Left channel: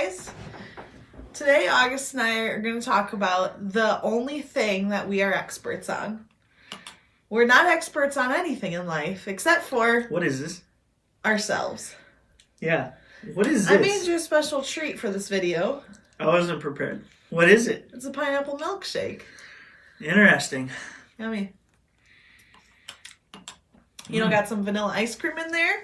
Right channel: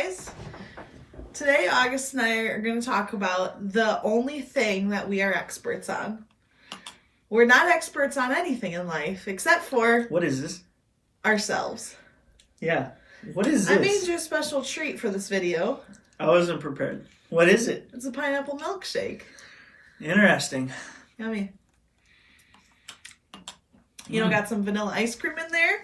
guys. Today, August and I are going to talk about the only thing that we are experts on. We're not experts on anything in life except for... What is this? Ourselves. Yeah. What is this? I made you a special treat for this video. I wasn't prepared. What is it? It's a pineapple milkshake. Interesting. Yummy. You know, got some vanilla ice cream in there.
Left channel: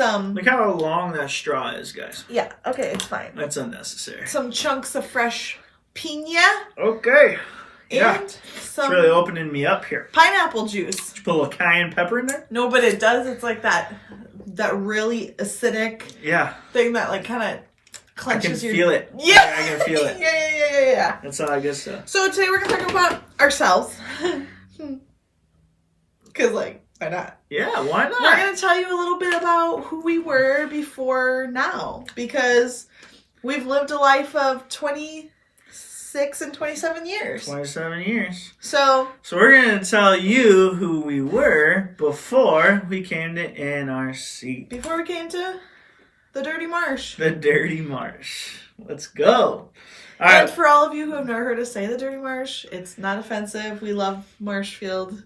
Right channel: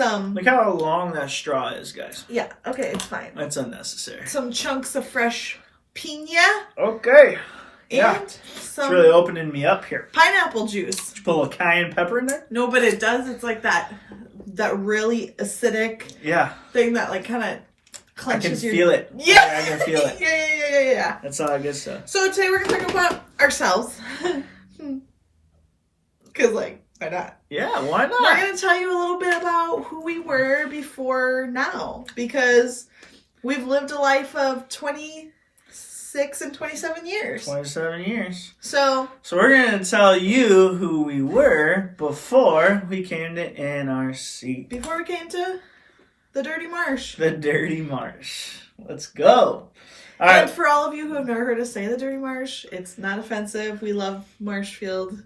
Look how long that straw is, guys. Yeah, okay, it's fine. That's unnecessary. Some chunks of fresh piña. Okay. Yeah. And It's some really opening me up here. pineapple juice. Put a little cayenne pepper in there? No, but it does. It's like that really acidic thing that like kind of I clenches can your... feel it. Yeah. I can feel it. Yeah. That's all I good stuff. So today we're going to talk about ourselves. Because, like, why not? Yeah, why We're not? going to tell you a little bit about who we were before now. Because we've lived a life of 26 and 27 years. 27 years. So we're going to tell you who we were before we came to NRC. before we came to the Dirty Marsh. The Dirty Marsh. Let's go. All And right. for all of you who have never heard us say the Dirty Marsh, it's not offensive. We love Marshfield.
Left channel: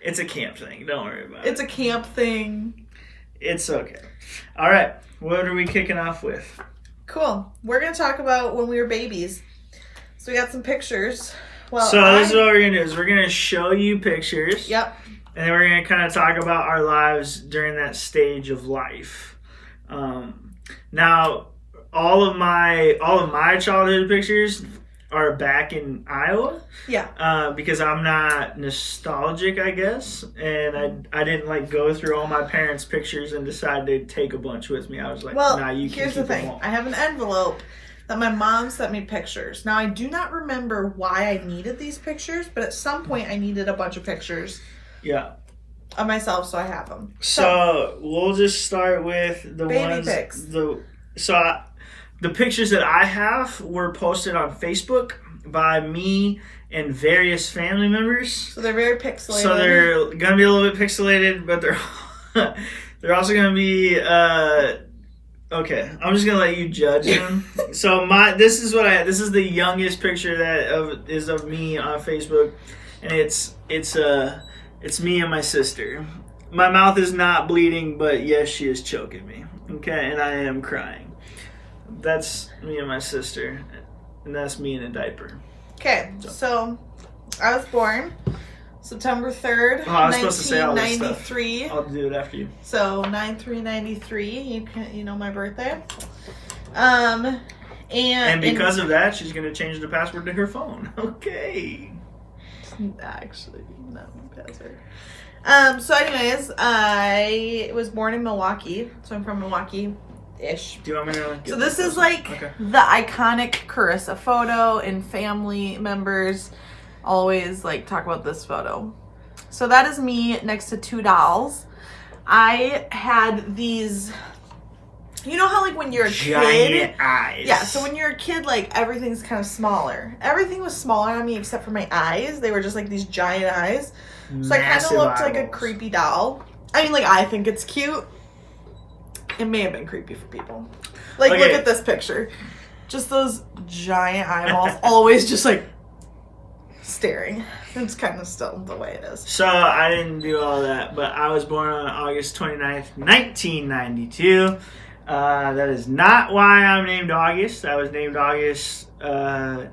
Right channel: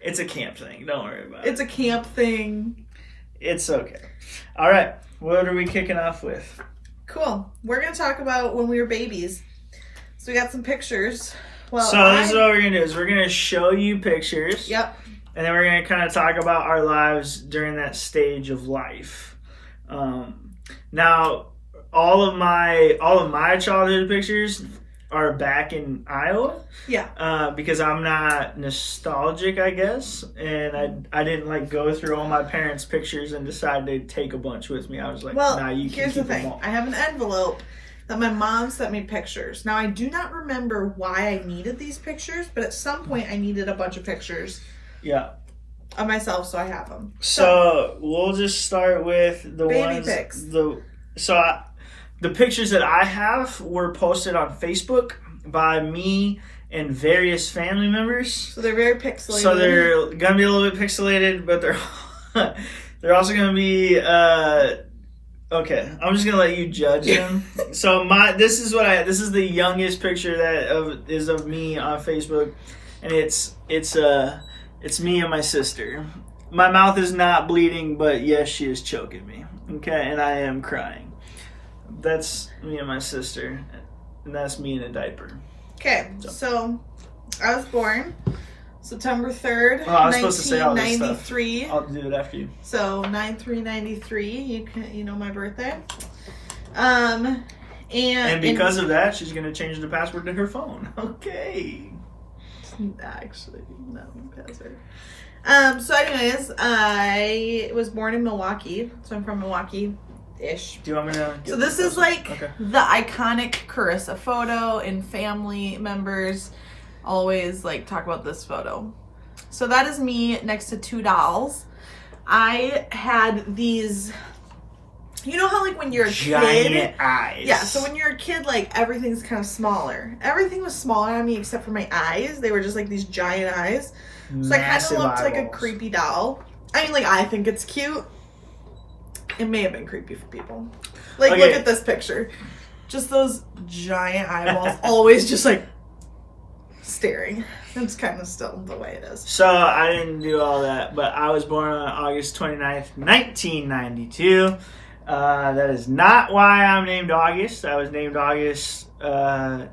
It's a camp thing. Don't worry about it. It's a camp thing. It's okay. All right. What are we kicking off with? Cool. We're going to talk about when we were babies. So we got some pictures. Well, This is what we're going to do. Is we're going to show you pictures. Yep. And then we're going to kind of talk about our lives during that stage of life. Now, all of my childhood pictures are back in Iowa. Yeah. Because I'm not nostalgic, I guess, and I didn't like go through all my parents' pictures and decide to take a bunch with me. I was like, Well, nah, you can here's the keep them thing. all. I have an envelope that my mom sent me pictures. Now, I do not remember why I needed these pictures, but at some point I needed a bunch of pictures Yeah. of myself, so I have them. So we'll just start with the Baby ones. pics. The pictures that I have were posted on Facebook by me and various family members. So they're very pixelated. So they're gonna be a little bit pixelated, but they're also gonna be okay. I'm just gonna let you judge them. So this is the youngest picture that is of me on Facebook, and it's me and my sister. My mouth is not bleeding, but yes, she is choking me. Okay, and I am crying. That's me and my sister, and that's me in a diaper. Okay, so I was born September 3rd, Oh, I was supposed to say all this stuff. 1993. I'll do it after you. So 9/3/93, you know my birthday. And because of that, she's gonna change the password to her phone. Okay. actually no password. So anyways, I was born in Milwaukee, so I'm from Milwaukee-ish. Do you want me to? So this is like the iconic Carissa photo, and family members always like talk about this photo. So that is me next to two dolls. I had these, you know how like when you're a giant kid, eyes. yeah, so when you're a kid, like everything's kind of smaller. Everything was smaller on me except for my eyes. They were just like these giant eyes. So I kind of looked like a creepy doll. I mean, like, I think it's cute. It may have been creepy for people. Like, Okay. look at this picture. Just those giant eyeballs, always just like staring. It's kind of still the way it is. So I didn't do all that, but I was born on August 29th, 1992. That is not why I'm named August. I was named August. I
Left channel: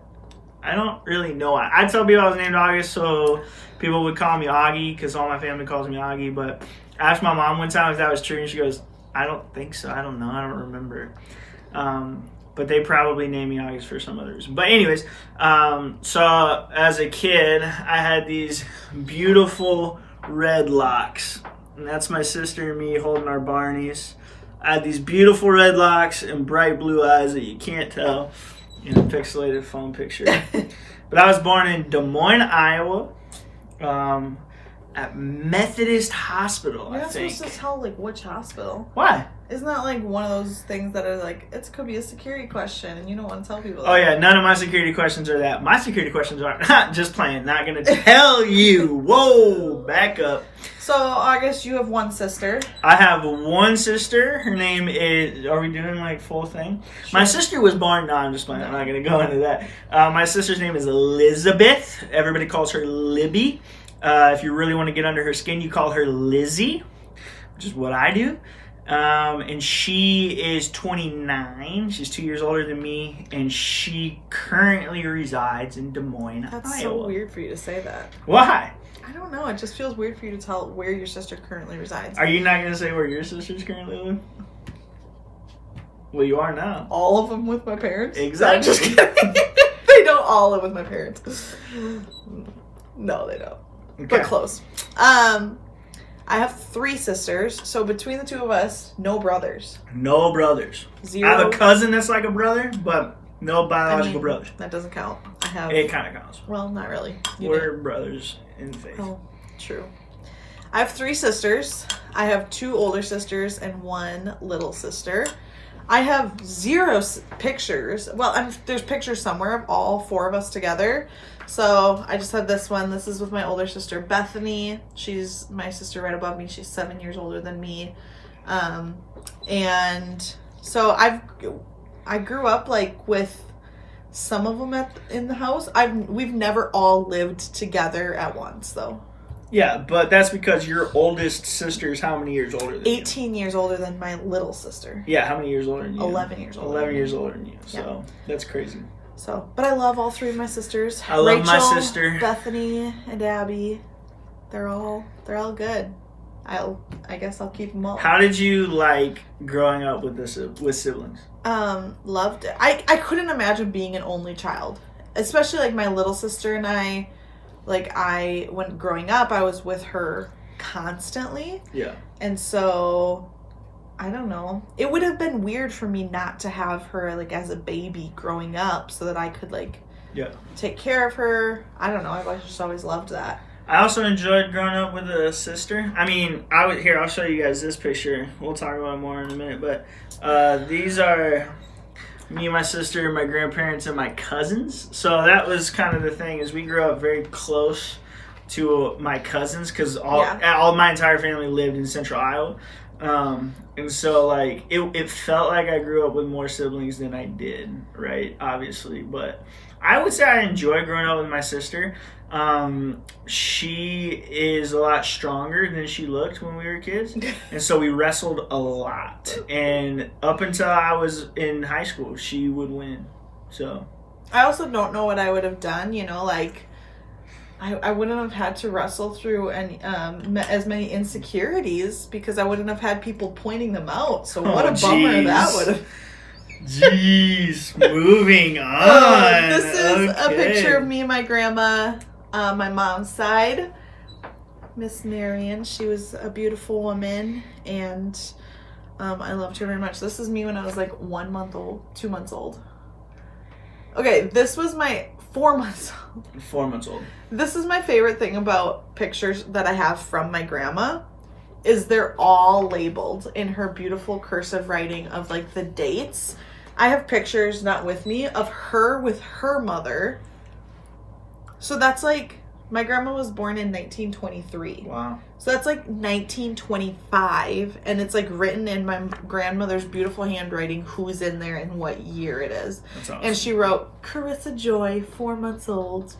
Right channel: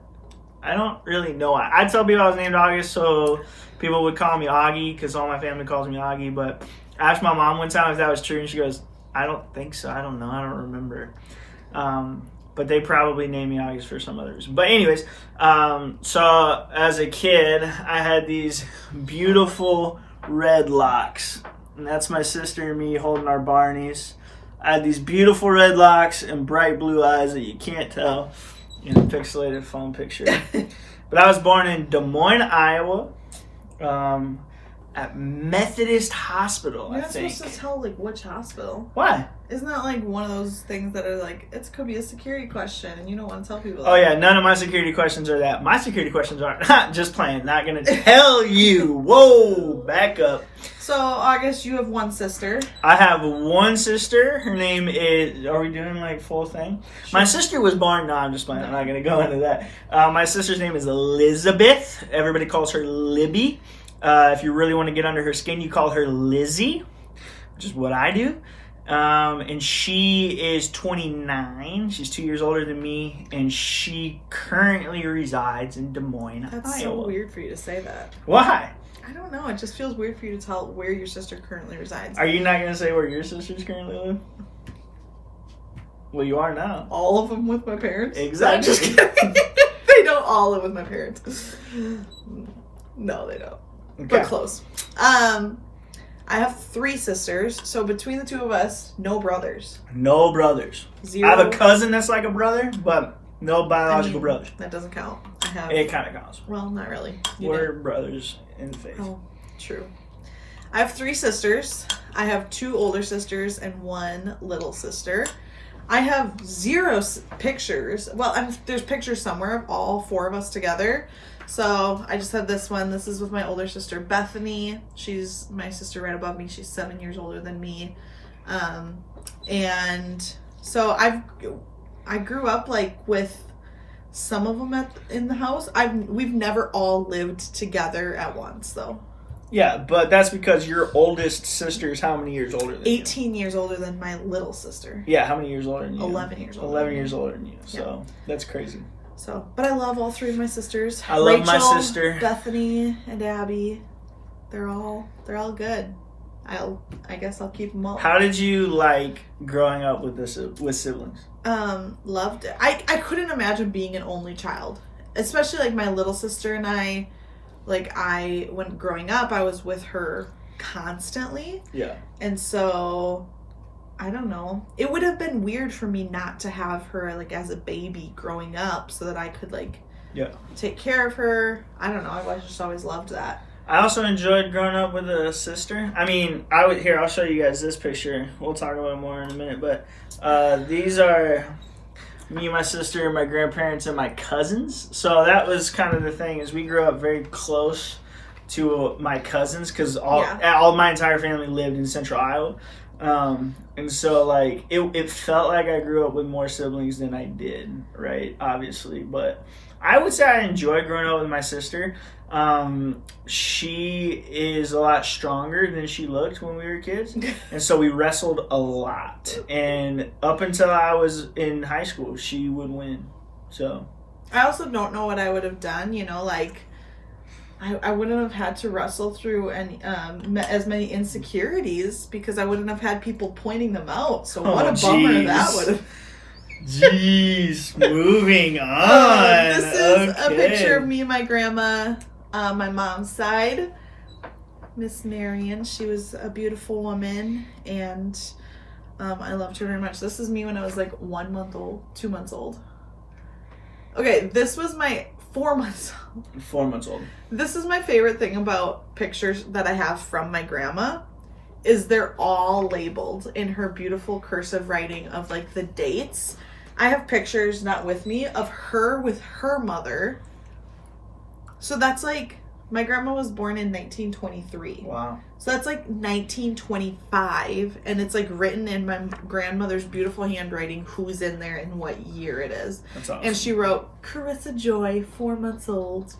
don't really know why. I tell people I was named August so people would call me Augie because all my family calls me Augie. But I asked my mom one time if that was true, and she goes, I don't think so. I don't know. I don't remember. But they probably named me August for some other reason. But anyways, so as a kid, I had these beautiful red locks. And that's my sister and me holding our Barneys. I had these beautiful red locks and bright blue eyes that you can't tell in a pixelated phone picture. But I was born in Des Moines, Iowa. at Methodist Hospital, You're I not think. supposed to tell like which hospital. Why? Isn't that like one of those things that are like, it could be a security question and you don't want to tell people Oh that? yeah, none of my security questions are that. My security questions are just playing, not gonna tell you. Whoa, back up. So, August, you have one sister. I have one sister. Her name is. Are we doing like full thing? My sister was born. No, I'm just playing. I'm not gonna go into that. My sister's name is Elizabeth. Everybody calls her Libby. If you really want to get under her skin, you call her Lizzie, which is what I do. And she is 29. She's 2 years older than me, and she currently resides in Des Moines, That's Iowa. so weird for you to say that. Why? I don't know. It just feels weird for you to tell where your sister currently resides. Are you not going to say where your sisters currently live? Well, you are now. All of them with my parents? Exactly. I'm just kidding. They don't all live with my parents. No, they don't. Okay. But close. I have 3 sisters, so between the 2 of us, no brothers. No brothers. 0. I have a cousin that's like a brother, but no biological brothers. That doesn't count. I have. It kind of counts. Well, not really. You We're brothers in faith. Oh, true. I have 3 sisters. I have 2 older sisters and 1 little sister. I have 0 pictures. Well, there's pictures somewhere of all 4 of us together. So I just have this one. This is with my older sister, Bethany. She's my sister right above me. She's 7 years older than me. And so I grew up like with some of them in the house. We've never all lived together at once though. Yeah, but that's because your oldest sister is how many years older than 18 years older than my little sister. you? Yeah, how many years older than you? 11 years older. 11 years older than you. So that's crazy. So, but I love all 3 of my sisters. I love Rachel, my sister. Bethany and Abby. They're all good. I guess I'll keep them all. How did you like growing up with siblings? Loved it. I couldn't imagine being an only child, especially like my little sister and I. Like when growing up, I was with her constantly. Yeah. And so, I don't know. It would have been weird for me not to have her like as a baby growing up so that I could like take care of her. I don't know. I just always loved that. I also enjoyed growing up with a sister. I mean, I'll show you guys this picture. We'll talk about it more in a minute, but these are me and my sister, my grandparents, and my cousins. So that was kind of the thing, is we grew up very close to my cousins because all my entire family lived in central Iowa. And so like it felt like I grew up with more siblings than I did, right? Obviously, but I would say I enjoyed growing up with my sister. She is a lot stronger than she looked when we were kids, and so we wrestled a lot, and up until I was in high school she would win. So I also don't know what I would have done, like I wouldn't have had to wrestle through any as many insecurities because I wouldn't have had people pointing them out. So what a bummer that would have. Jeez, moving on. This is a picture of me and my grandma, my mom's side, Miss Marion. She was a beautiful woman, and I loved her very much. This is me when I was like 1 month old, 2 months old. Okay, this was my 4 months old. 4 months old. This is my favorite thing about pictures that I have from my grandma, is they're all labeled in her beautiful cursive writing of like the dates. I have pictures, not with me, of her with her mother. So that's like, my grandma was born in 1923. Wow. So that's like 1925, and it's like written in my grandmother's beautiful handwriting who's in there and what year it is. That's awesome. And she wrote, Carissa Joy, 4 months old.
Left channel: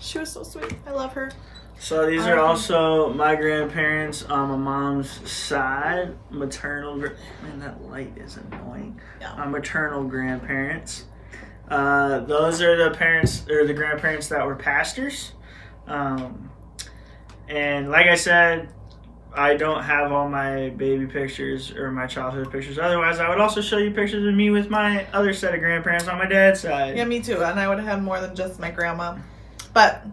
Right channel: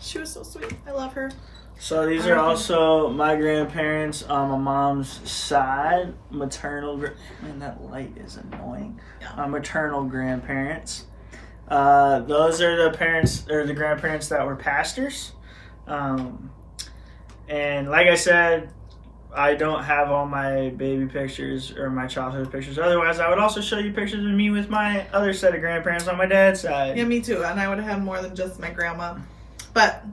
She was so sweet. I love her. So these are also my grandparents on my mom's side, maternal. Man, that light is annoying. Yeah. Maternal grandparents. Those are the parents or the grandparents that were pastors. And like I said, I don't have all my baby pictures or my childhood pictures. Otherwise, I would also show you pictures of me with my other set of grandparents on my dad's side. Yeah, me too. And I would have had more than just my grandma. But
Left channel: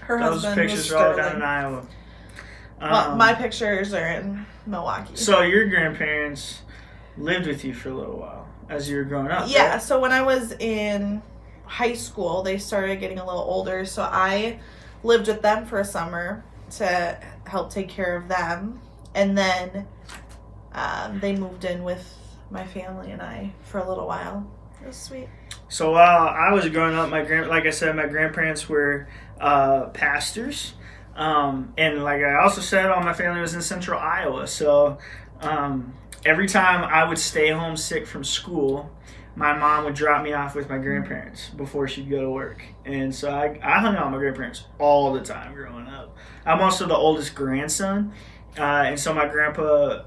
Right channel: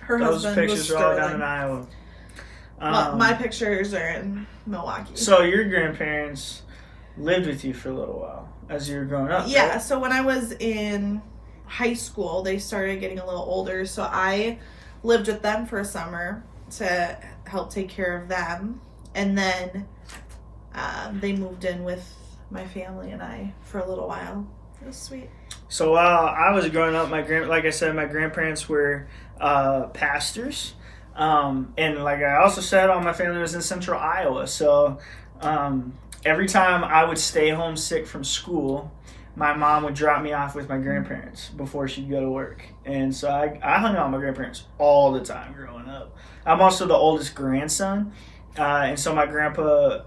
her Those husband pictures was are all Sterling. down in Iowa. Well, my pictures are in Milwaukee. So your grandparents lived with you for a little while as you were growing up, Yeah, right? so when I was in high school, they started getting a little older. So I lived with them for a summer. to help take care of them. And then they moved in with my family and I for a little while. It was sweet. So while I was growing up, like I said, my grandparents were pastors. And like I also said, all my family was in central Iowa. So every time I would stay home sick from school, my mom would drop me off with my grandparents before she'd go to work. And so I hung out with my grandparents all the time growing up. I'm also the oldest grandson. And so my grandpa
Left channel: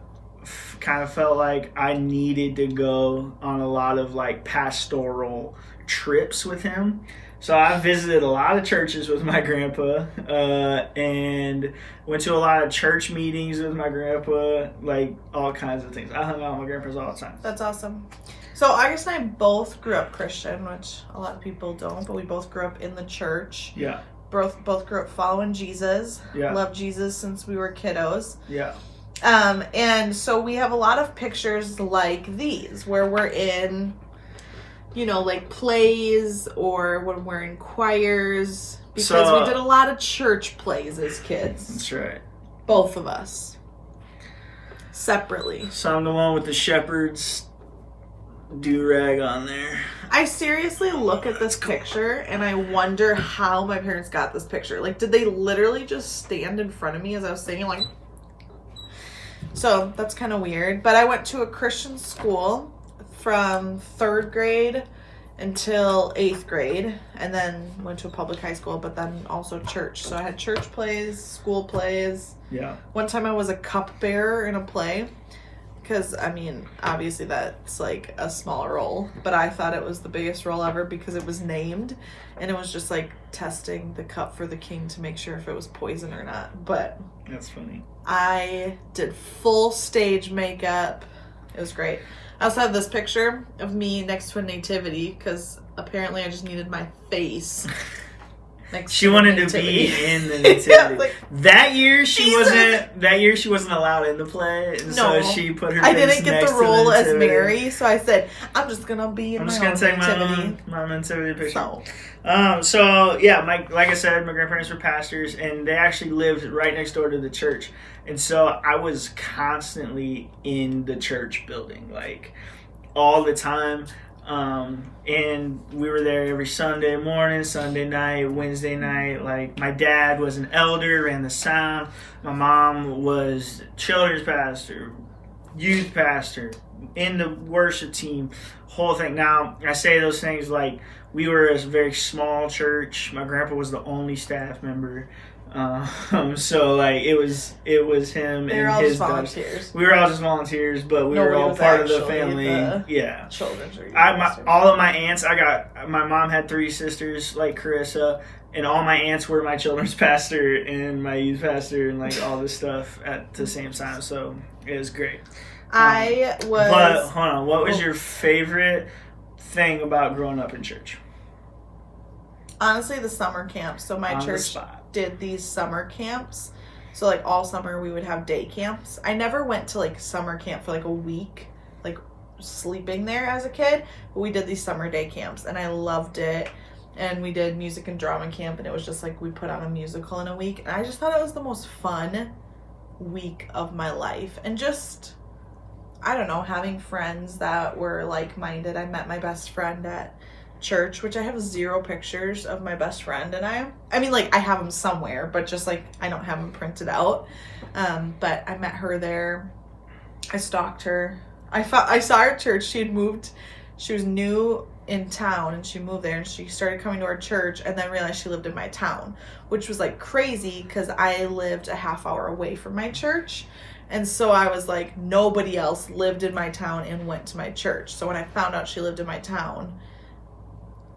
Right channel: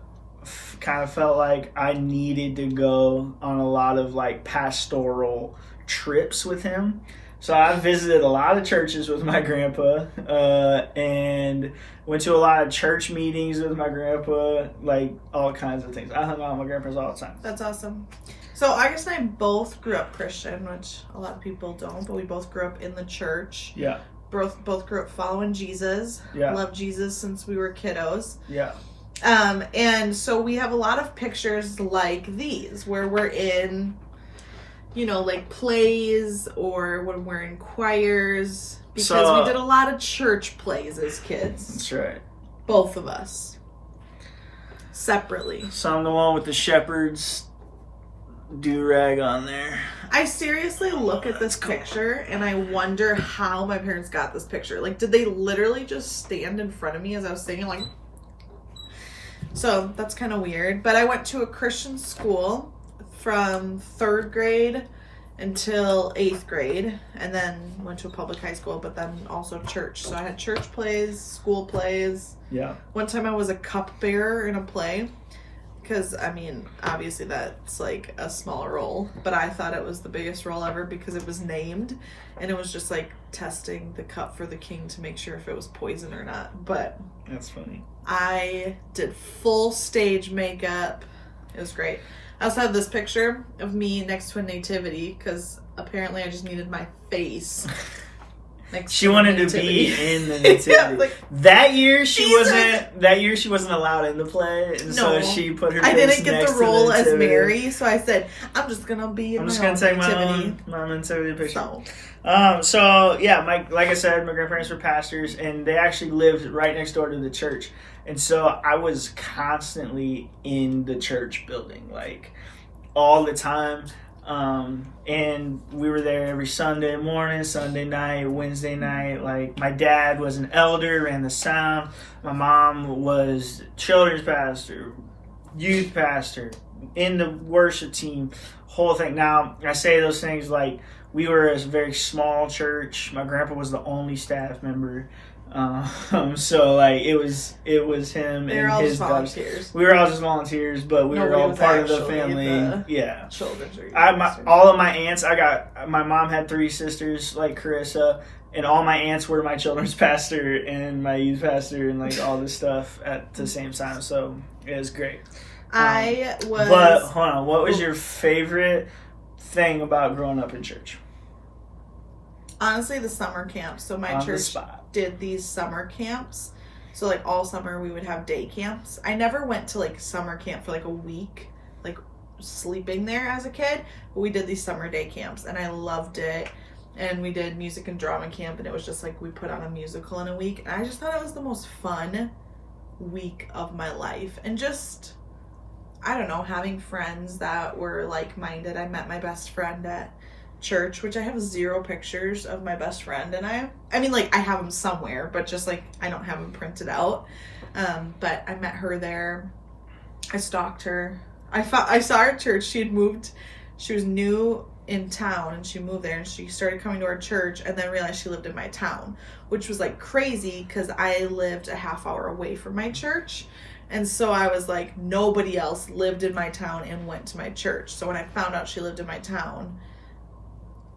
kind of felt like I needed to go on a lot of like pastoral trips with him. So I visited a lot of churches with my grandpa, and went to a lot of church meetings with my grandpa, like all kinds of things. I hung out with my grandpas all the time. That's awesome. So August and I both grew up Christian, which a lot of people don't, but we both grew up in the church. Yeah. Both grew up following Jesus. Yeah. Loved Jesus since we were kiddos. Yeah. And so we have a lot of pictures like these where we're in, you know, like plays or when we're in choirs, because we did a lot of church plays as kids. That's right. Both of us. Separately. So I'm the one with the shepherd's do-rag on there. I seriously look at this picture and I wonder how my parents got this picture. Like, did they literally just stand in front of me as I was singing? Like, so that's kind of weird. But I went to a Christian school from 3rd grade until 8th grade, and then went to a public high school, but then also church. So I had church plays, school plays. Yeah. One time I was a cupbearer in a play, because, I mean, obviously that's like a small role, but I thought it was the biggest role ever because it was named, and it was just like testing the cup for the king to make sure if it was poison or not. But that's funny. I did full stage makeup. It was great. I also have this picture of me next to a nativity because apparently I just needed my face. She wanted to be in the nativity. Yeah, like, that year she wasn't allowed in the play, and so she put her face next to the nativity. I didn't get the role as Mary, so I said I'm just gonna be in my own nativity. I'm just gonna take my nativity picture. So yeah, like I said, my grandparents were pastors, and they actually lived right next door to the church, and so I was constantly in the church building, like all the time. And we were there every Sunday morning, Sunday night, Wednesday night. Like, my dad was an elder, ran the sound. My mom was children's pastor, youth pastor, in the worship team, whole thing. Now, I say those things like we were a very small church. My grandpa was the only staff member. So like it was him and his volunteers. We were all just volunteers, but we were all part of the family. Yeah. All of my aunts. My mom had 3 sisters like Carissa, and all my aunts were my children's pastor and my youth pastor and like all this stuff at the same time. So it was great. But hold on, what was your favorite thing about growing up in church? Honestly, the summer camps. So my church did these summer camps. So like all summer we would have day camps. I never went to like summer camp for like a week, like sleeping there as a kid. But we did these summer day camps and I loved it. And we did music and drama camp, and it was just like we put on a musical in a week. And I just thought it was the most fun week of my life. And just, I don't know, having friends that were like-minded. I met my best friend at church, which I have 0 pictures of my best friend and I mean, like, I have them somewhere, but just like I don't have them printed out. But I met her there. I stalked her. I saw her at church. She had moved. She was new in town and she moved there and she started coming to our church and then realized she lived in my town, which was like crazy because I lived a half hour away from my church. And so I was like, nobody else lived in my town and went to my church. So when I found out she lived in my town,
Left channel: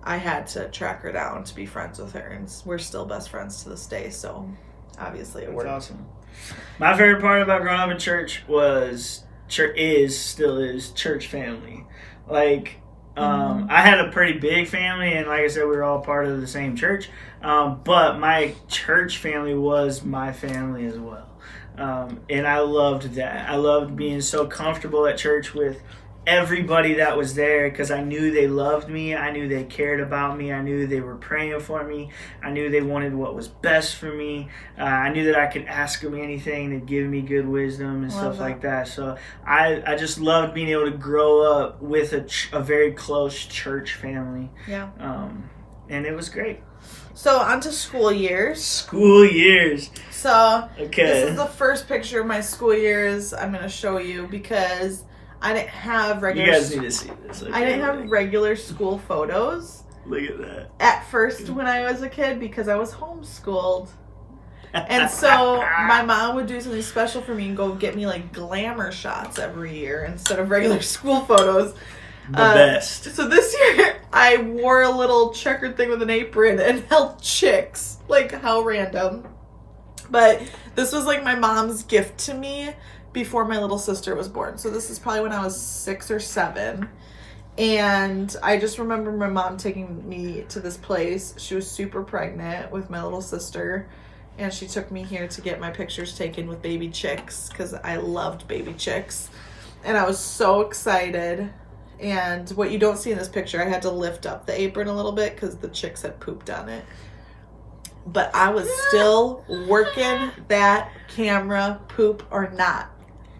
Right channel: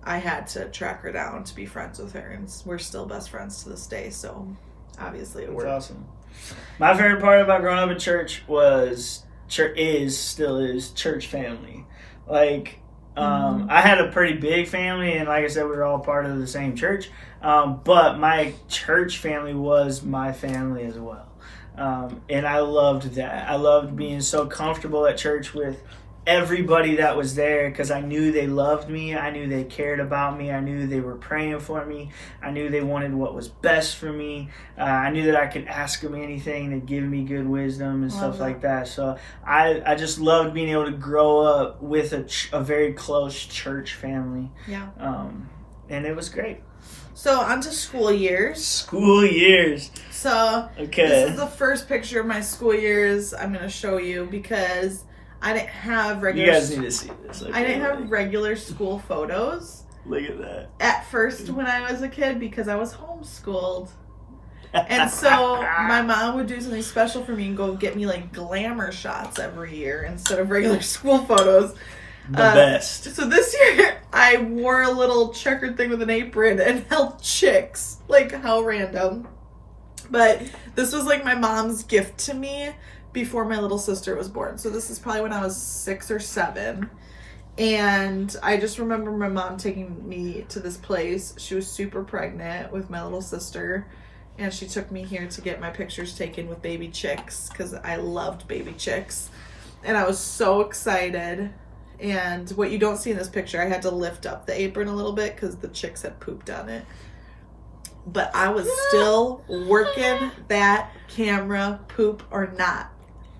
I had to track her down to be friends with her, and we're still best friends to this day, so obviously it worked. That's awesome. My favorite part about growing up in church still is church family. Like, I had a pretty big family, and like I said, we were all part of the same church, but my church family was my family as well. And I loved that. I loved being so comfortable at church with everybody that was there, because I knew they loved me. I knew they cared about me. I knew they were praying for me. I knew they wanted what was best for me. I knew that I could ask them anything. They'd give me good wisdom and stuff like that. So I just loved being able to grow up with a very close church family. Yeah. And it was great. So on to school years. School years. So okay. This is the first picture of my school years I'm going to show you because I didn't have regular... You guys need to see this. I didn't have regular school photos. Look at that. At first when I was a kid because I was homeschooled. And so my mom would do something special for me and go get me like glamour shots every year instead of regular school photos. The best. So this year I wore a little checkered thing with an apron and held chicks. Like, how random. But this was like my mom's gift to me before my little sister was born. So this is probably when I was 6 or 7. And I just remember my mom taking me to this place. She was super pregnant with my little sister. And she took me here to get my pictures taken with baby chicks because I loved baby chicks. And I was so excited. And what you don't see in this picture, I had to lift up the apron a little bit because the chicks had pooped on it. But I was still working that camera, poop or not.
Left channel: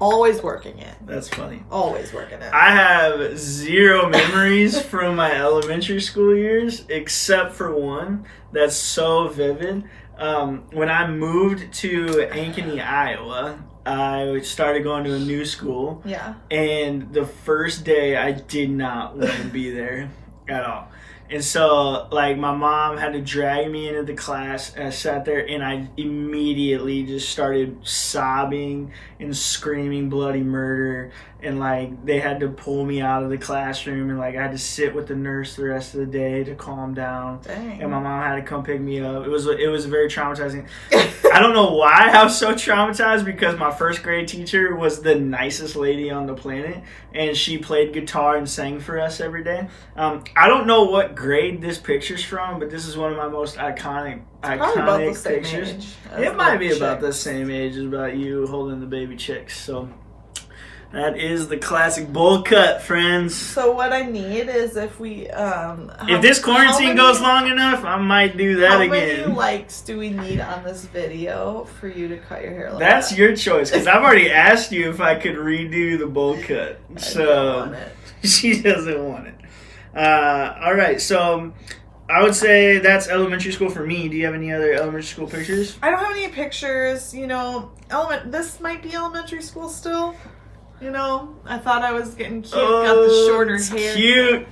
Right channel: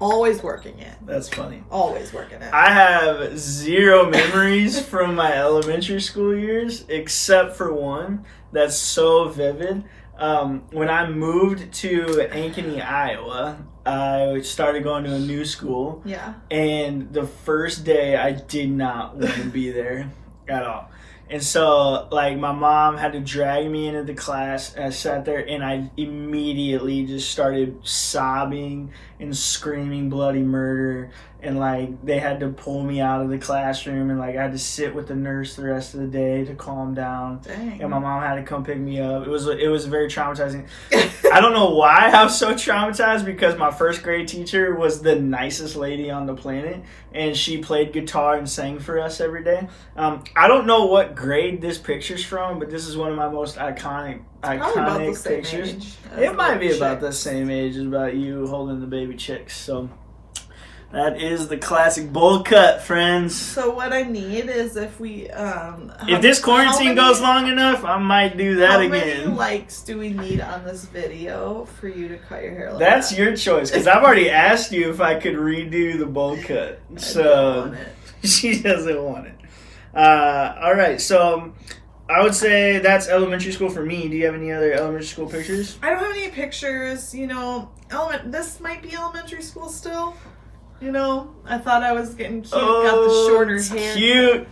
Always working it. That's funny. Always working it. I have 0 memories from my elementary school years, except for one that's so vivid. When I moved to Ankeny, Iowa, I started going to a new school. Yeah. And the first day, I did not want to be there at all. And so, like, my mom had to drag me into the class, and I sat there, and I immediately just started sobbing and screaming bloody murder, and, like, they had to pull me out of the classroom, and, like, I had to sit with the nurse the rest of the day to calm down. Dang. And my mom had to come pick me up. It was very traumatizing. I don't know why I was so traumatized, because my first grade teacher was the nicest lady on the planet, and she played guitar and sang for us every day. I don't know what grade this picture's from, but this is one of my most iconic pictures. It might be about the same age as about you holding the baby chicks. So that is the classic bowl cut, friends. So what I need is if we if this quarantine goes long enough, I might do that again. How many likes do we need on this video for you to cut your hair like That's that? your choice, because I've already asked you if I could redo the bowl cut. So I don't want it. She doesn't want it. All right, so I would say that's elementary school for me. Do you have any other elementary school pictures? I don't have any pictures. You know, this might be elementary school still. You know, I thought I was getting cute. Got the shorter hair. Cute.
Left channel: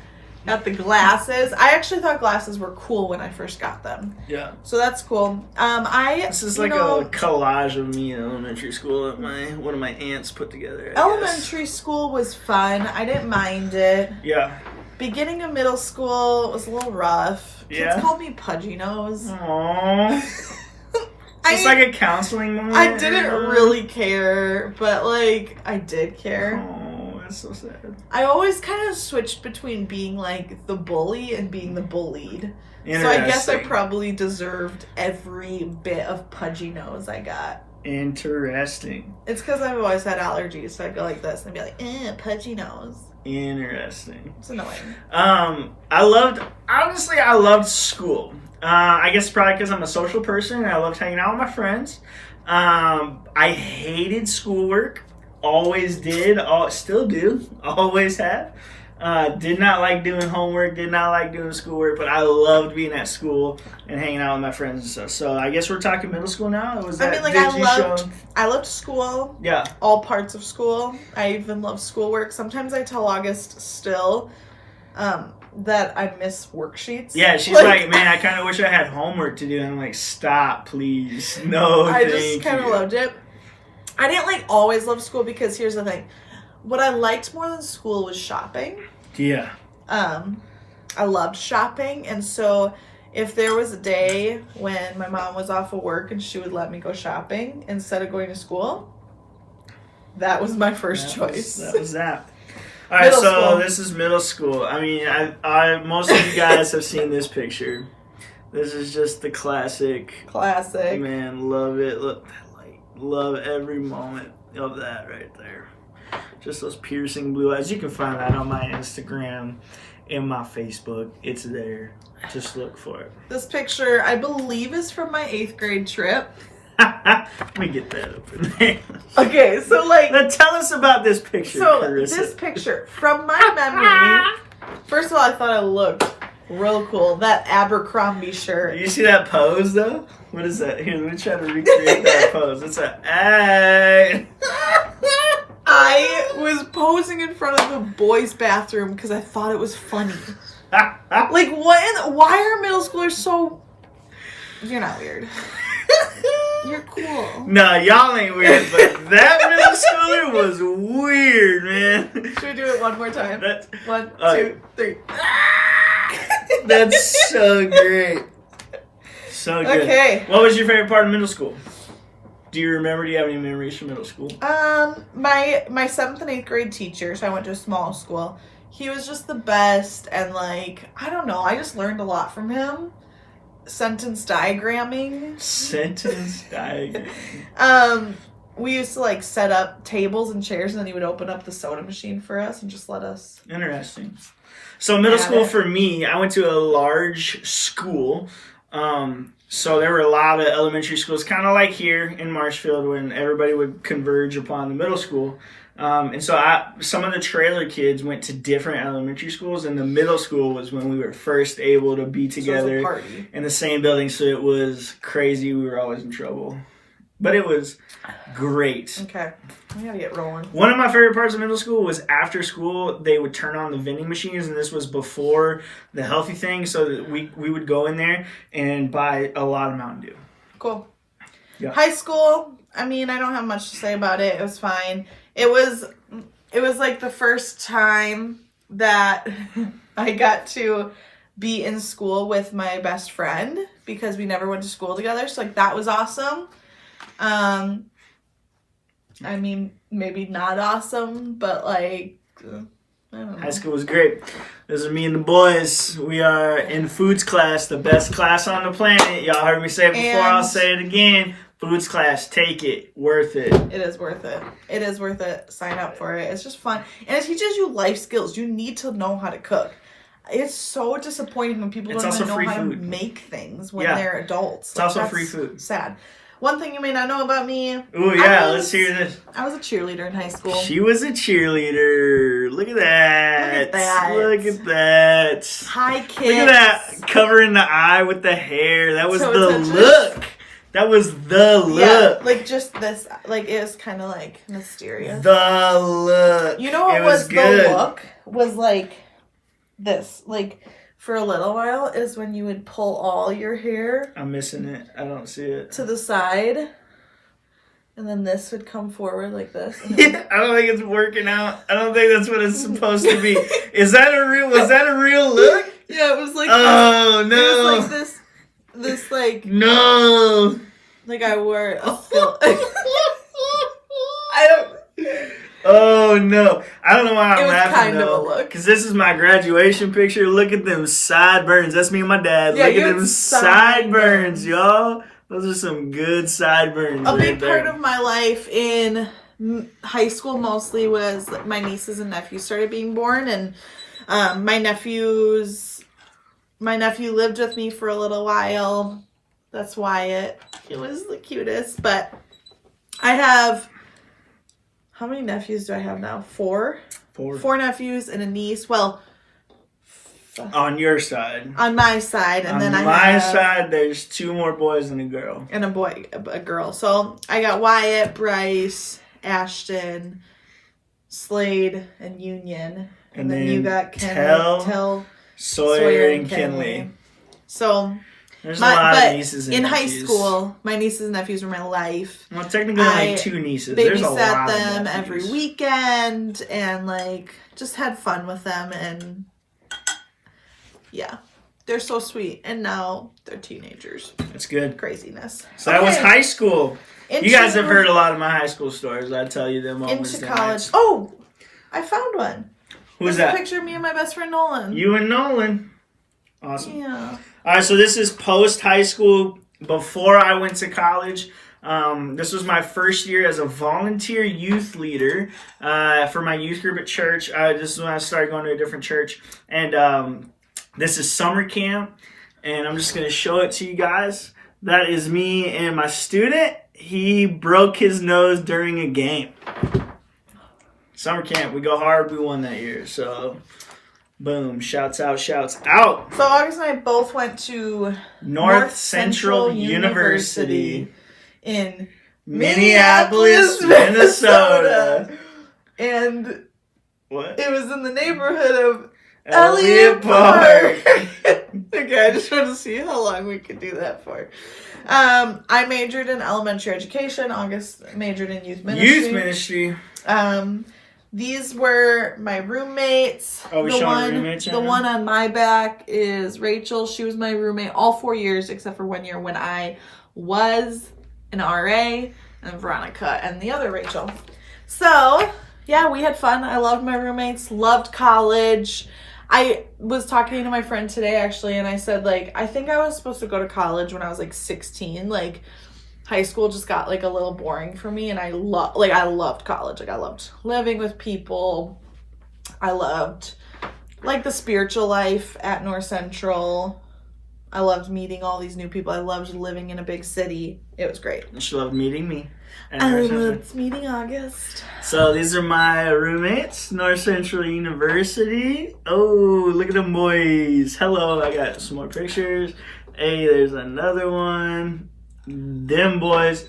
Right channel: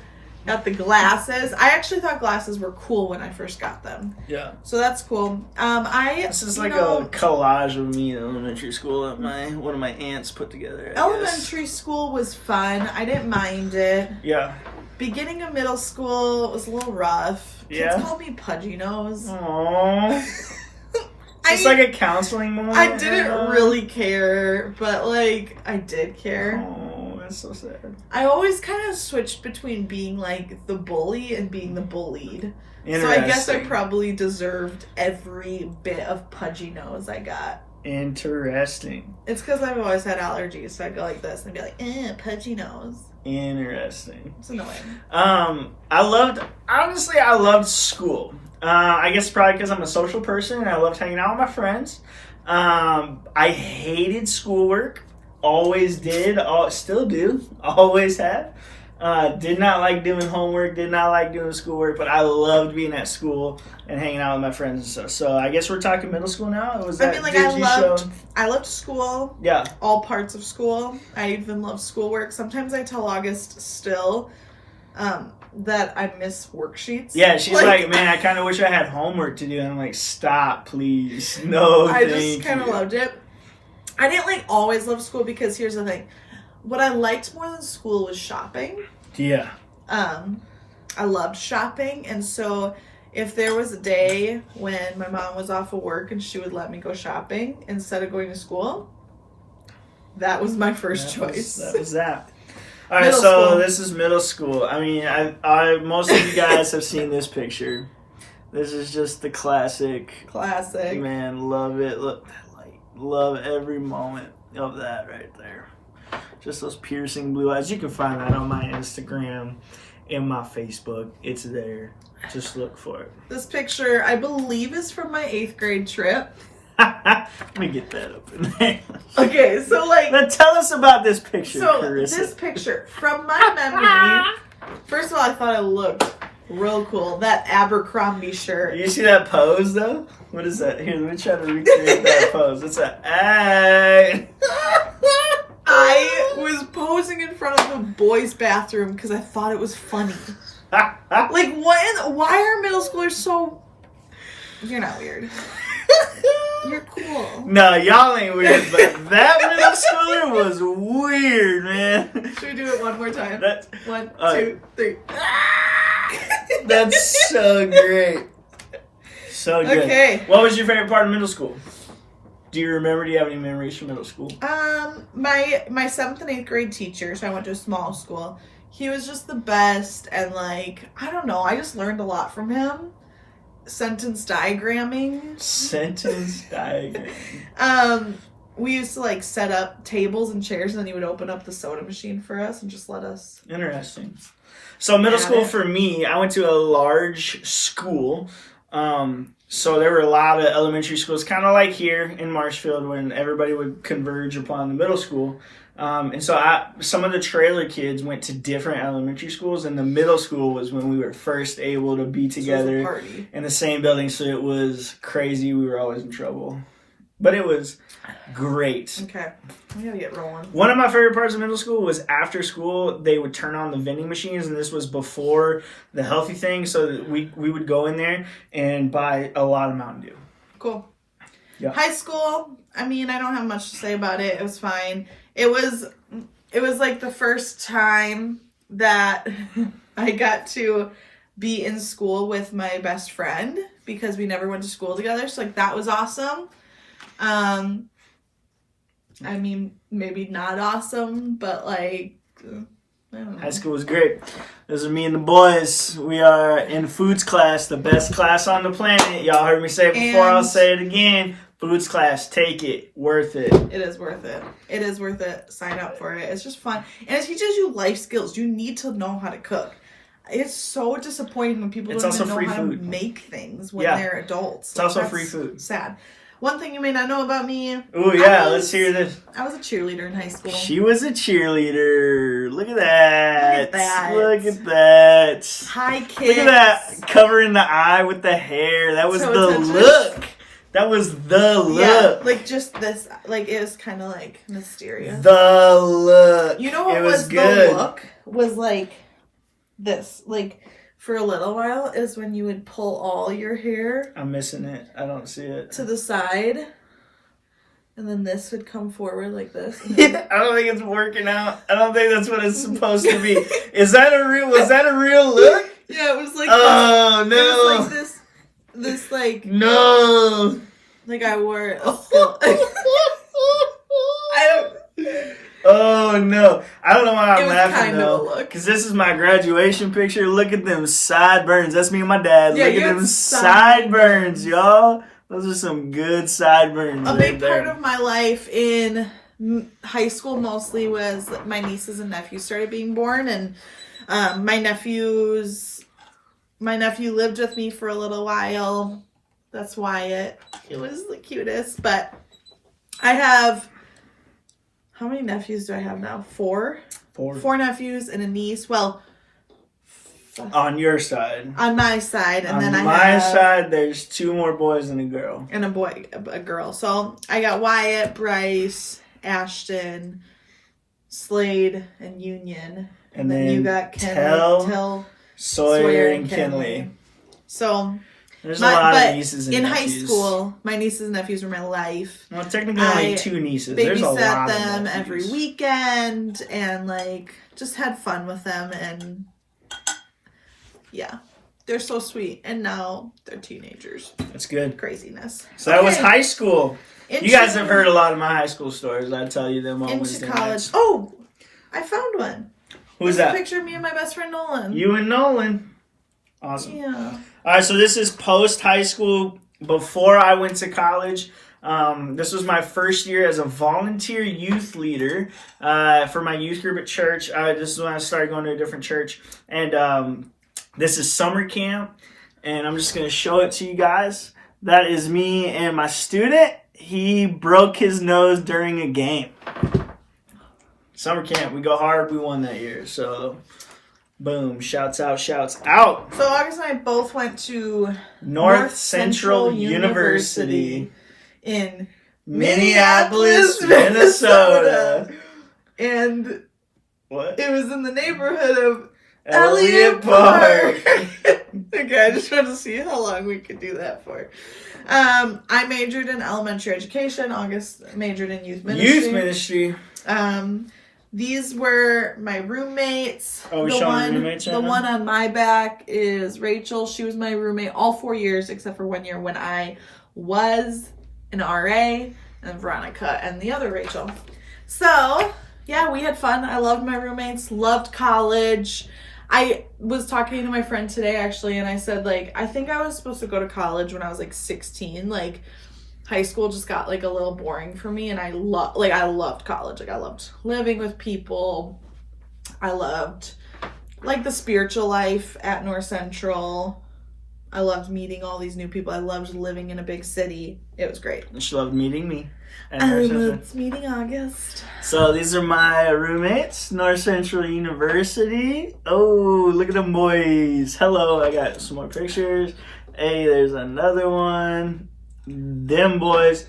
Got the glasses. I actually thought glasses were cool when I first got them. Yeah. So that's cool. This is like a collage of me in elementary school that one of my aunts put together. Elementary school was fun. I didn't mind it. Yeah. Beginning of middle school was a little rough. Yeah. Kids called me Pudgy Nose. Aww. It's like a counseling moment. I didn't really care, but like I did care. Oh, that's so sad. I always kind of switched between being like the bully and being the bullied. So I guess I probably deserved every bit of Pudgy Nose I got. Interesting. It's because I've always had allergies, so I'd go like this and be like, Pudgy Nose. Interesting. It's annoying. I loved school. I guess probably because I'm a social person and I loved hanging out with my friends. I hated schoolwork. Always did. Still do. Always have. Did not like doing homework. Did not like doing schoolwork. But I loved being at school and hanging out with my friends and stuff. So I guess we're talking middle school now. I loved school. Yeah. All parts of school. I even loved schoolwork. Sometimes I tell August still that I miss worksheets. Yeah, she's like, man, I kind of wish I had homework to do. And I'm like, stop, please. No, I just kind of loved it. I didn't always love school because here's the thing. What I liked more than school was shopping. Yeah. I loved shopping, and so if there was a day when my mom was off of work and she would let me go shopping instead of going to school, that was my first choice. That was that. All right, so this is middle school. I mean, I most of you guys have seen this picture. This is just the classic. Classic. Man, love it. Love every moment of that right there. Just those piercing blue eyes. You can find that on my Instagram and my Facebook. It's there. Just look for it. This picture, I believe, is from my 8th grade trip. Let me get that up in there. Okay, so like... Now tell us about this picture, So, Carissa. this picture, from my memory, first of all, I thought it looked real cool. That Abercrombie shirt. You see that pose, though? What is that? Here, let me try to recreate that pose. It's a... Hey. I was posing in front of the boys' bathroom because I thought it was funny. Like, why are middle schoolers so... You're not weird. You're cool. No, y'all ain't weird, but that middle schooler was weird, man. Should we do it one more time? That's, 1, right. 2, 3. That's so great. So good. Okay. What was your favorite part of middle school? Do you remember? Do you have any memories from middle school? My 7th and 8th grade teacher, so I went to a small school. He was just the best, and like, I don't know, I just learned a lot from him. Sentence diagramming. Sentence diagram. We used to like set up tables and chairs, and then he would open up the soda machine for us and just let us. Interesting. So middle Yeah. school for me, I went to a large school. So there were a lot of elementary schools, kind of like here in Marshfield when everybody would converge upon the middle school. And so some of the trailer kids went to different elementary schools, and the middle school was when we were first able to be together So it was a party. in the same building. So it was crazy. We were always in trouble. But it was great. Okay, we gotta get rolling. One of my favorite parts of middle school was after school, they would turn on the vending machines, and this was before the healthy thing, so that we would go in there and buy a lot of Mountain Dew. Cool. Yeah. High school, I mean, I don't have much to say about it. It was fine. It was like the first time that I got to be in school with my best friend because we never went to school together. So like that was awesome. I mean, maybe not awesome, but like, I don't know. High school was great. This is me and the boys. We are in foods class, the best class on the planet. Y'all heard me say it before, I'll say it again. Foods class, take it. Worth it. It is worth it. It is worth it. Sign up for it. It's just fun. And it teaches you life skills. You need to know how to cook. It's so disappointing when people don't even know how to make things when they're adults. It's also free food. Sad. One thing you may not know about me. Ooh, yeah, let's hear this. I was a cheerleader in high school. She was a cheerleader. Look at that. Look at that. Look at that. Hi, kids. Look at that. Covering the eye with the hair. That was So the look. That was the look. Yeah, like just this, like it was kind of like mysterious. The look. You know what was good. the look? Was like this, like for a little while is when you would pull all your hair. I'm missing it. I don't see it. To the side. And then this would come forward like this. And then... Yeah, I don't think it's working out. I don't think that's what it's supposed to be. Was that a real look? Yeah, it was like oh this, no. it was like this like no. Like I wore a silk. I don't. Oh no! I don't know why I'm laughing kind though. of a look. Because this is my graduation picture. Look at them sideburns. That's me and my dad. Yeah, Look at them sideburns, y'all. Those are some good sideburns. A big there. part of my life in high school mostly was my nieces and nephews started being born, and my nephew lived with me for a little while. That's Wyatt. He was the cutest, but I have. How many nephews do I have now? 4? 4 nephews and a niece. Well, on your side. On my side, and on then my side, there's 2 more boys and a girl. And a girl. So I got Wyatt, Bryce, Ashton, Slade, and Union, and then you got Tell, Sawyer, and Kinley. So. There's a lot of nieces and nephews. In high school, my nieces and nephews were my life. Well, technically only 2 nieces. There's a lot babysat of them nephews. every weekend and like just had fun with them, and yeah, they're so sweet. And now they're teenagers. That's good. Craziness. So that was high school. You guys have heard a lot of my high school stories. I tell you them on into Wednesday college. nights. Oh, I found one. Who's There's that? A picture of me and my best friend Nolan. You and Nolan. Awesome. Yeah. All right, so this is post high school, before I went to college. This was my first year as a volunteer youth leader for my youth group at church. This is when I started going to a different church. And this is summer camp. And I'm just going to show it to you guys. That is me and my student. He broke his nose during a game. Summer camp, we go hard. We won that year. So, boom. Shouts out, shouts out. So August and I both went to North Central University in Minneapolis, Minnesota. And What? it was in the neighborhood of Elliott Park. Okay, I just wanted to see how long we could do that for. I majored in elementary education. August majored in youth ministry. Youth ministry. These were my roommates. Oh, we're showing roommates right The now? one on my back is Rachel. She was my roommate all 4 years except for 1 year when I was an RA, and Veronica and the other Rachel. So, yeah, we had fun. I loved my roommates, loved college. I was talking to my friend today, actually, and I said, like, I think I was supposed to go to college when I was, like, 16. Like, high school just got, like, a little boring for me, and I loved college. Like, I loved living with people. I loved, like, the spiritual life at North Central. I loved meeting all these new people. I loved living in a big city. It was great. She loved meeting me. I loved meeting August. So these are my roommates, North Central University. Oh, look at them boys. Hello, I got some more pictures. Hey, there's another one. Them boys.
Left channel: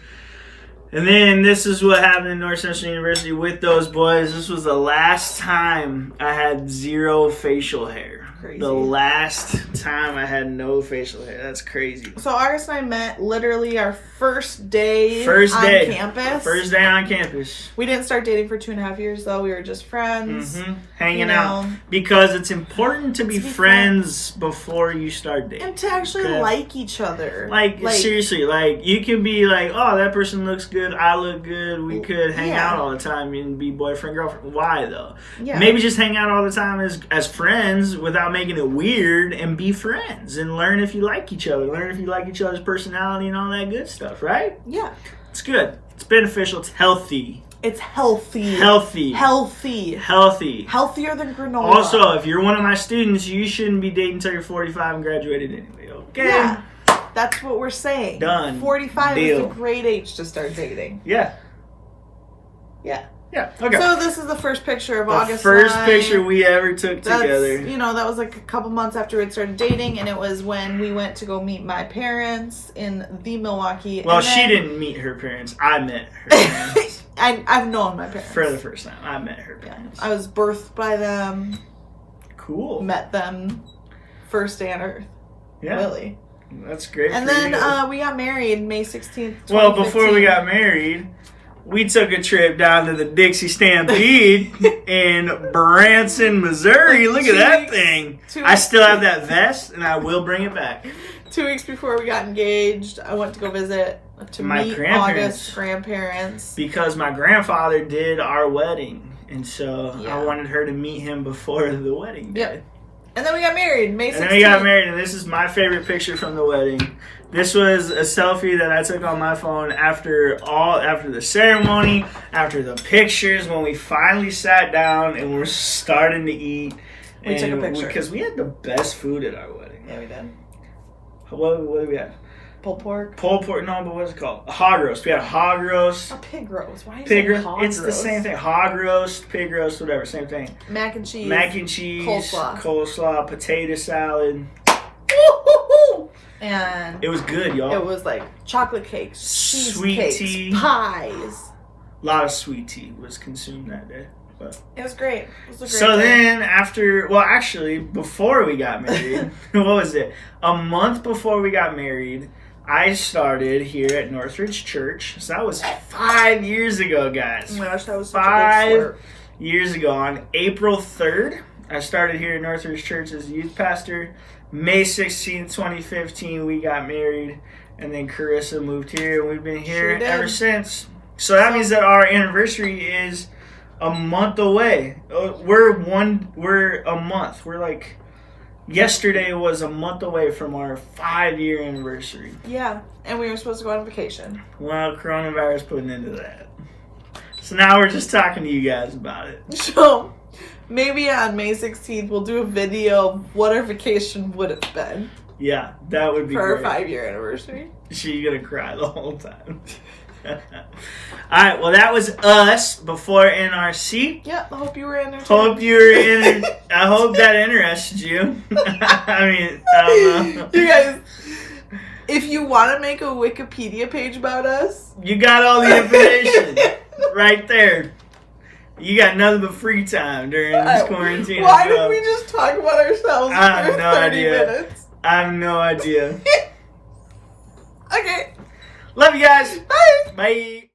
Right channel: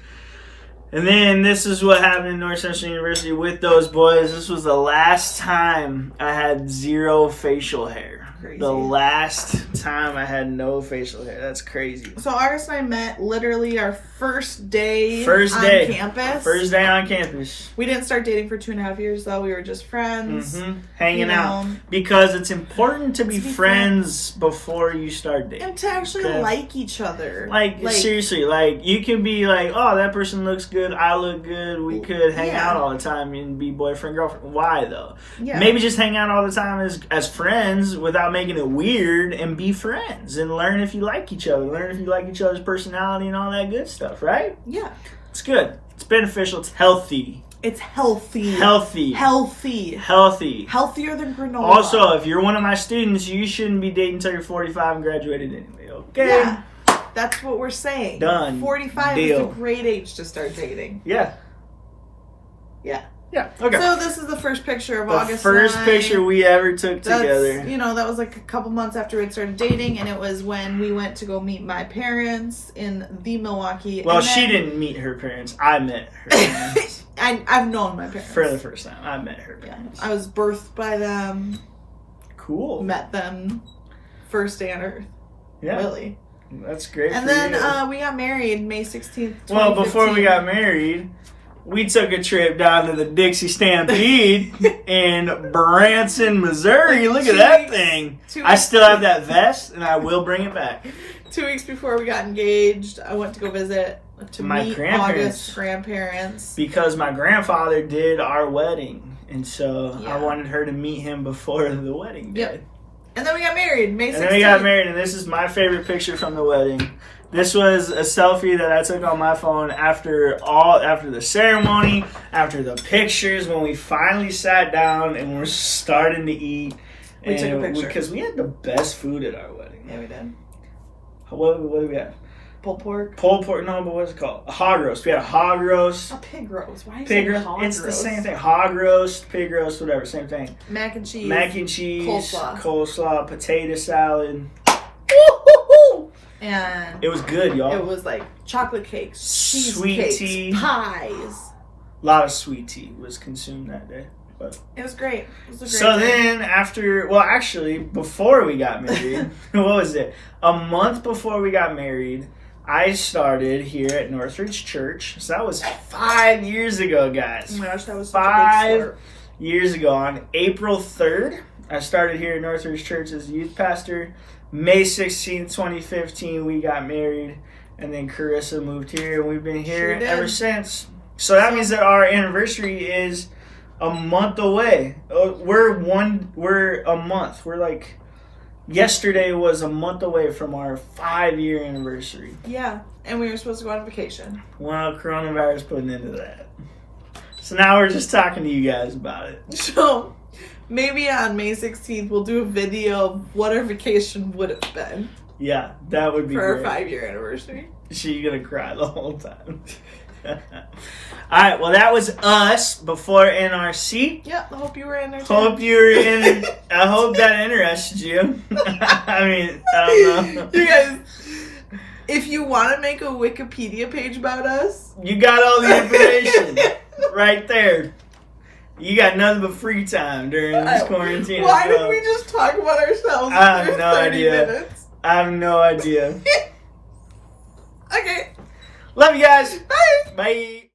And then this is what happened in North Central University with those boys. This was the last time I had zero facial hair. Crazy. The last time I had no facial hair. That's crazy. So August and I met literally our first day on campus. First day on campus. We didn't start dating for 2.5 years though. We were just friends. Hanging out. Because it's important to be friends before you start dating. And to actually like each other. Like seriously, like you can be like, oh, that person looks good, I look good, we could hang out all the time and be boyfriend, girlfriend. Why though? Yeah. Maybe just hang out all the time as friends without making it weird, and be friends and learn if you like each other, learn if you like each other's personality and all that good stuff, right? Yeah. It's good. It's beneficial. It's healthy. It's healthy. Healthy. Healthy. Healthy. Healthier than granola. Also, if you're one of my students, you shouldn't be dating until you're 45 and graduated anyway, okay? Yeah. That's what we're saying. Done. 45 Deal. is a great age to start dating. Yeah. Yeah. Yeah, okay. So this is the first picture of The August first and I. picture we ever took together. You know, that was like a couple months after we'd started dating, and it was when we went to go meet my parents in the Milwaukee. Well, and she didn't meet her parents. I met her parents. I've known my parents. For the first time. I met her Yeah. parents. I was birthed by them, Cool. met them first day on earth. Yeah. Really. That's great And for then you. we got married May 16th, 2015. Well, before we got married, we took a trip down to the Dixie Stampede in Branson, Missouri. Look at that thing. I still have that vest, and I will bring it back. 2 weeks before we got engaged, I went to go visit My meet grandparents. August's grandparents. Because my grandfather did our wedding, and so Yeah. I wanted her to meet him before the wedding day. Yep. And then we got married May 16th. And then we got married, and this is my favorite picture from the wedding. This was a selfie that I took on my phone after the ceremony, after the pictures, when we finally sat down and we're starting to eat. We took a picture. Because we had the best food at our wedding. Yeah, we did. What do we have? Pulled pork. Pulled pork, no, but what's it called? A hog roast. We had a hog roast. A pig roast. Why is Pig it roast. hog It's the roast? same thing. Hog roast, pig roast, whatever, same thing. Mac and cheese. Mac and cheese, coleslaw, potato salad. And It was good, y'all. it was like chocolate cakes, Sweet cheesecakes, tea. pies. A lot of sweet tea was consumed that day. But. It was great. It was a great So day. then actually, before we got married, what was it? A month before we got married, I started here at Northridge Church. So that was 5 years ago, guys. Oh my gosh, that was such a 5 big slurp. years ago on April 3rd. I started here at Northridge Church as a youth pastor. May 16th, 2015, we got married. And then Carissa moved here, and we've been here Sure did. ever since. So that means that our anniversary is a month away. We're a month. We're like yesterday was a month away from our 5-year anniversary. Yeah, and we were supposed to go on vacation. Well, coronavirus put an end to that. So now we're just talking to you guys about it. So maybe on May 16th we'll do a video of what our vacation would have been Yeah, that would be for great. our 5-year anniversary. She's gonna cry the whole time. Alright, well that was us before NRC. Yep, I hope you were entertained. Hope you're in I hope that interested you. I mean, I don't know. You guys, if you want to make a Wikipedia page about us, You got all the information right there. You got nothing but free time during this quarantine. Why as well. did we just talk about ourselves I have for no 30 idea. minutes? I have no idea. Okay, Love you guys. bye. Bye.